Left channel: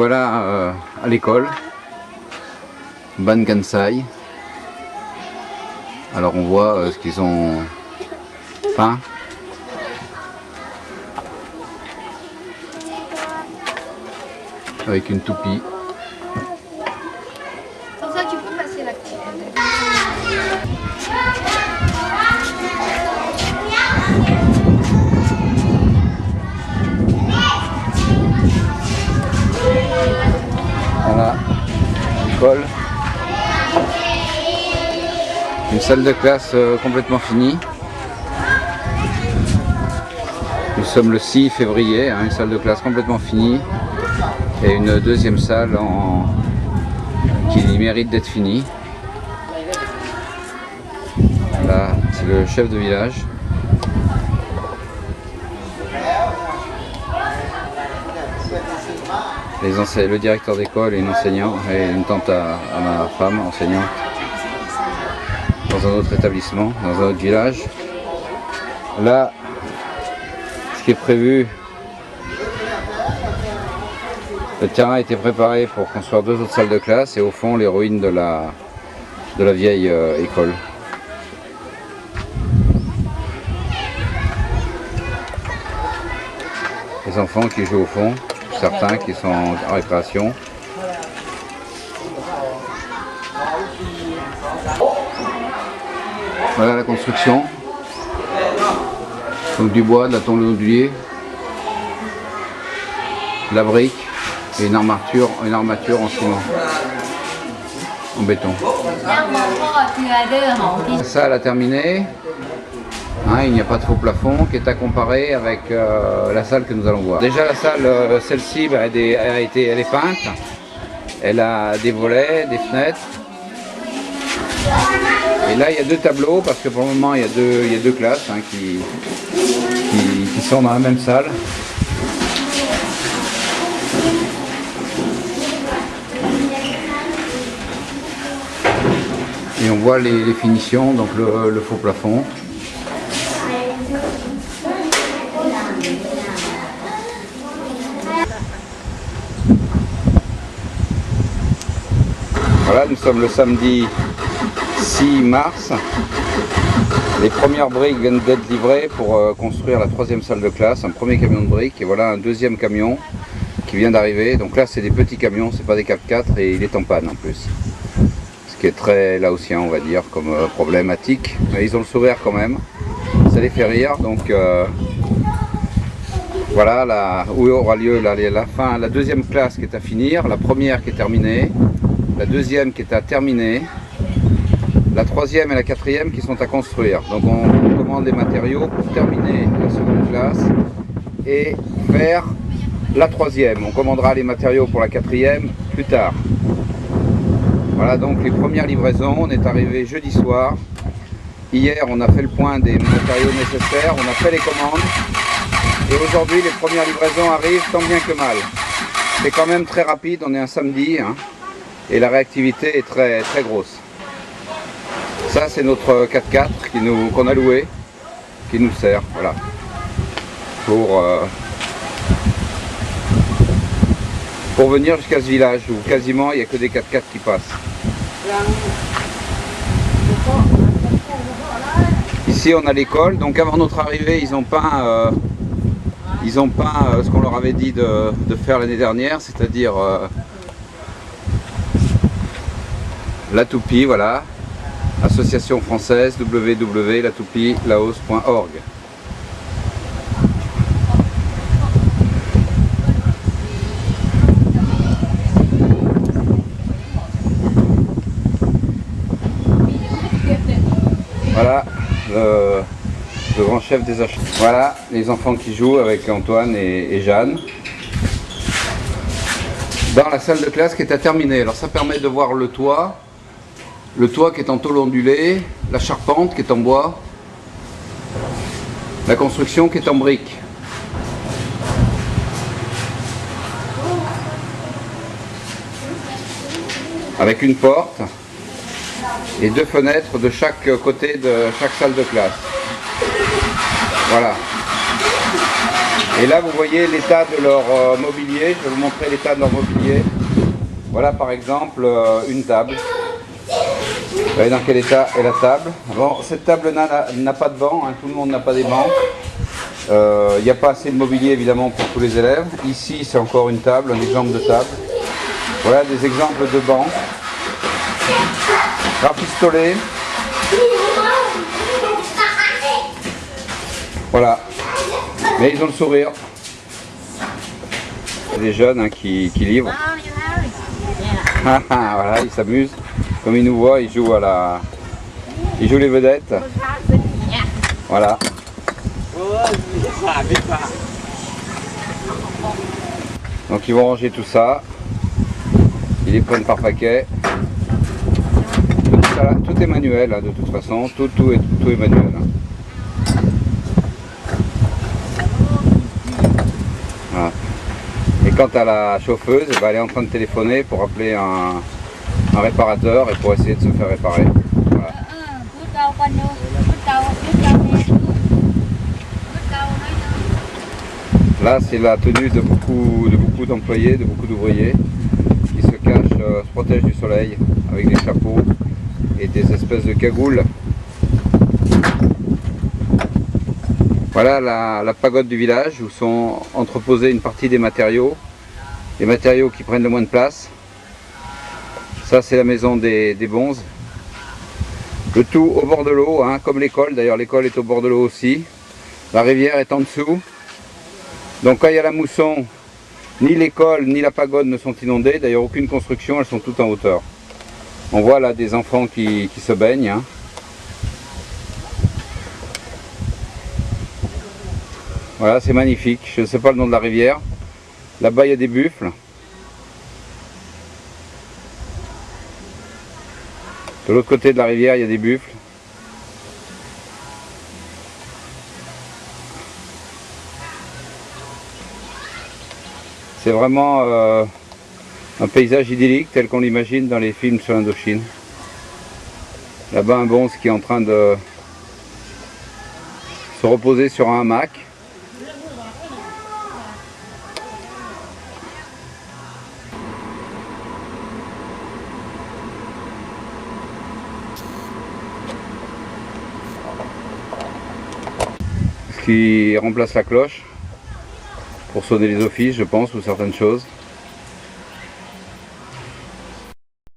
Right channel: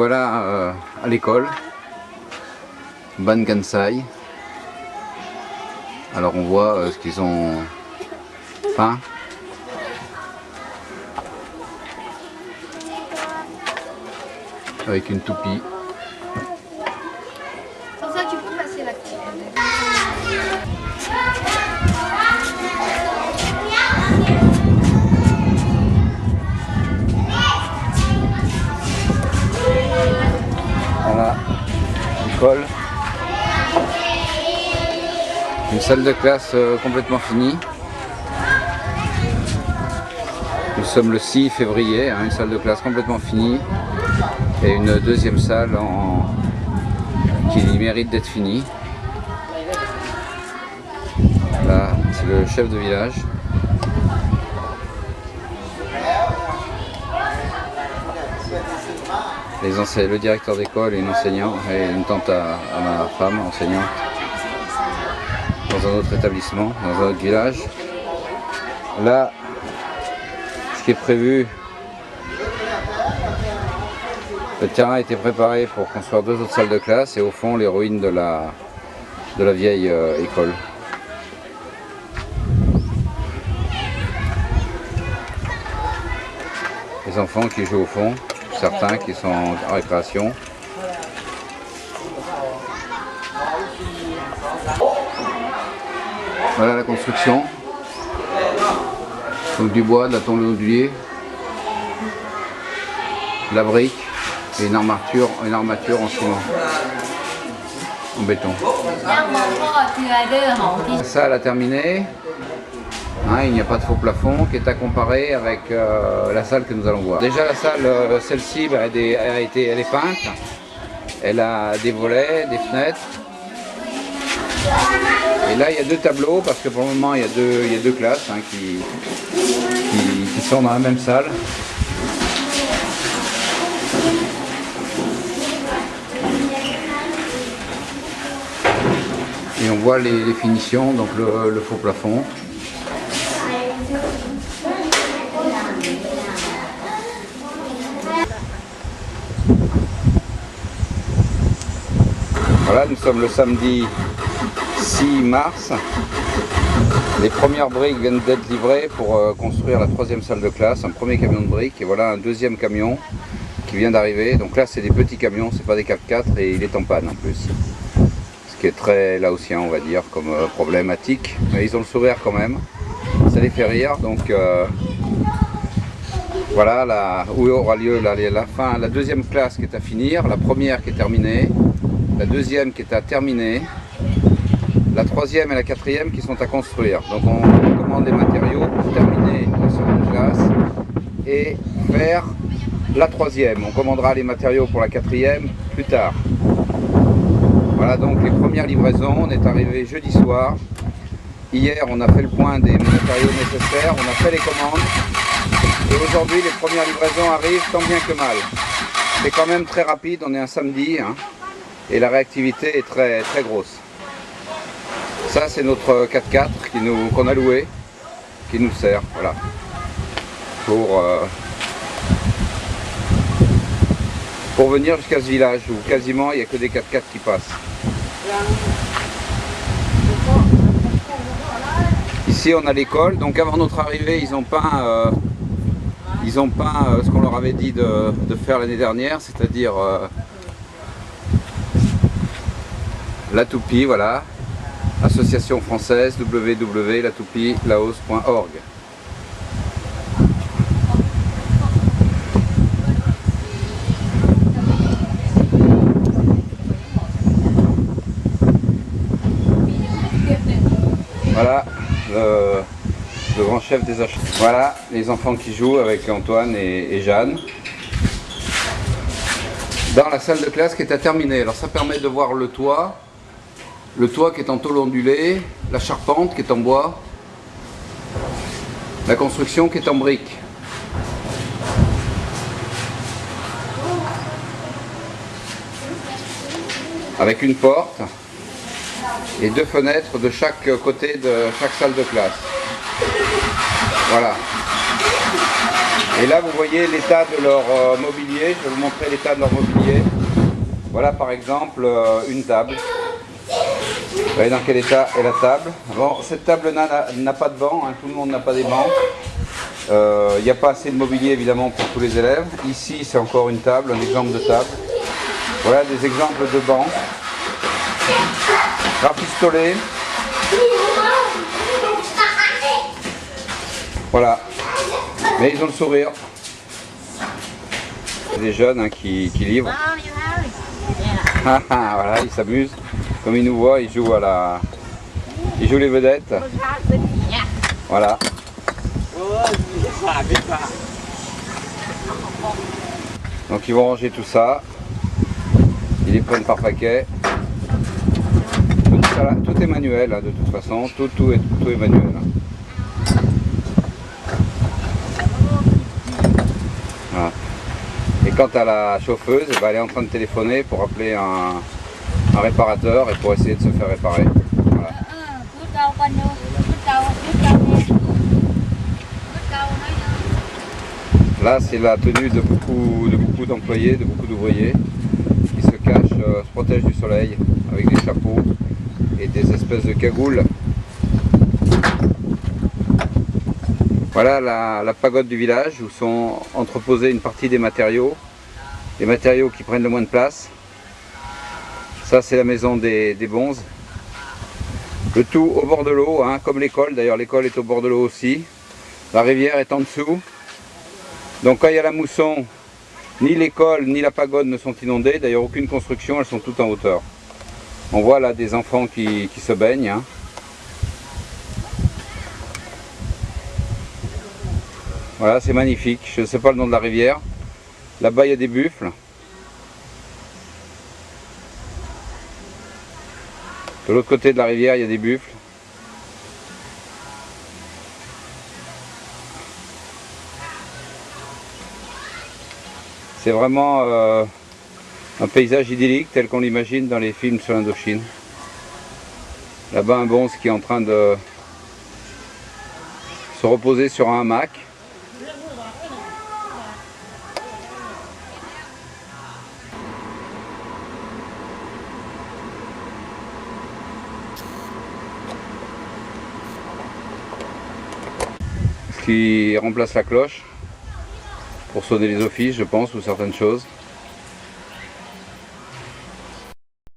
voilà à l'école, Ban Kansai. Alors on voit ce qu'ils ont peint. Avec une toupie. Comme ça tu peux passer la petite. Voilà, l'école. Une salle de classe complètement finie. Nous sommes le 6 février, hein, une salle de classe complètement finie. Et une deuxième salle qui mérite d'être finie. Là, c'est le chef de village. Le directeur d'école et une enseignante, et une tante à ma femme, enseignante, dans un autre établissement, dans un autre village. Là, ce qui est prévu, le terrain a été préparé pour construire 2 autres salles de classe et au fond les ruines de la vieille école. Les enfants qui jouent au fond, certains qui sont en récréation. Voilà la construction. Donc du bois, de la tôle d'olivier, de la brique et une armature en ciment, en béton. La salle a terminé. Hein, il n'y a pas de faux plafond qui est à comparer avec la salle que nous allons voir. Déjà la salle, celle-ci, elle est peinte. Elle a des volets, des fenêtres. Et là il y a 2 tableaux parce que pour le moment il y a deux classes hein, qui sont dans la même salle. Et on voit les finitions, donc le faux plafond. Voilà, nous sommes le samedi 6 mars. Les premières briques viennent d'être livrées pour construire la 3e salle de classe, un premier camion de briques et voilà un 2e camion qui vient d'arriver. Donc là c'est des petits camions, c'est pas des 4x4 et il est en panne en plus. Ce qui est très laotien on va dire comme problématique, mais ils ont le sourire quand même, ça les fait rire. Donc voilà là, où aura lieu la 2e classe qui est à finir, la première qui est terminée, la 2e qui est à terminer, la 3e et la 4e qui sont à construire. Donc on commande les matériaux pour terminer la 2e classe et faire la 3e. On commandera les matériaux pour la 4e plus tard. Voilà donc les premières livraisons. On est arrivé jeudi soir. Hier on a fait le point des matériaux nécessaires, on a fait les commandes. Et aujourd'hui les premières livraisons arrivent tant bien que mal. C'est quand même très rapide, on est un samedi hein, et la réactivité est très grosse. Ça c'est notre 4x4 qu'on a loué, qui nous sert, voilà, pour venir jusqu'à ce village où quasiment il n'y a que des 4x4 qui passent. Ici on a l'école, donc avant notre arrivée ils ont peint ce qu'on leur avait dit de faire l'année dernière, c'est-à-dire la toupie, voilà. Association française www.latoupielaos.org. Voilà le grand chef des achats. Voilà les enfants qui jouent avec Antoine et Jeanne. Dans la salle de classe qui est à terminer. Alors ça permet de voir le toit qui est en tôle ondulée, la charpente qui est en bois, la construction qui est en brique. Avec une porte et 2 fenêtres de chaque côté de chaque salle de classe. Voilà. Et là vous voyez l'état de leur mobilier, je vais vous montrer l'état de leur mobilier. Voilà par exemple une table. Vous voyez dans quel état est la table. Bon, cette table n'a pas de banc, hein, tout le monde n'a pas des bancs. Il n'y a pas assez de mobilier évidemment pour tous les élèves. Ici c'est encore une table, un exemple de table. Voilà des exemples de bancs. Rafistolés. Voilà. Mais ils ont le sourire. Il y a des jeunes hein, qui livrent. Voilà, ils s'amusent. Comme ils nous voient, ils jouent ils jouent les vedettes. Voilà. Donc ils vont ranger tout ça. Ils les prennent par paquet. Tout est manuel hein, de toute façon. Tout est manuel. Hein. Voilà. Et quant à la chauffeuse, elle est en train de téléphoner pour appeler un réparateur et pour essayer de se faire réparer. Voilà. Là c'est la tenue de beaucoup d'employés, de beaucoup d'ouvriers qui se cachent, se protègent du soleil avec des chapeaux et des espèces de cagoules. Voilà la pagode du village où sont entreposés une partie des matériaux qui prennent le moins de place. Ça c'est la maison des bonzes. Le tout au bord de l'eau, hein, comme l'école. D'ailleurs l'école est au bord de l'eau aussi. La rivière est en dessous. Donc quand il y a la mousson, ni l'école ni la pagode ne sont inondées. D'ailleurs aucune construction, elles sont toutes en hauteur. On voit là des enfants qui se baignent. Hein. Voilà, c'est magnifique. Je ne sais pas le nom de la rivière. Là-bas il y a des buffles. De l'autre côté de la rivière, il y a des buffles. C'est vraiment un paysage idyllique tel qu'on l'imagine dans les films sur l'Indochine. Là-bas, un bonze qui est en train de se reposer sur un hamac. Qui remplace la cloche pour sonner les offices, je pense, ou certaines choses.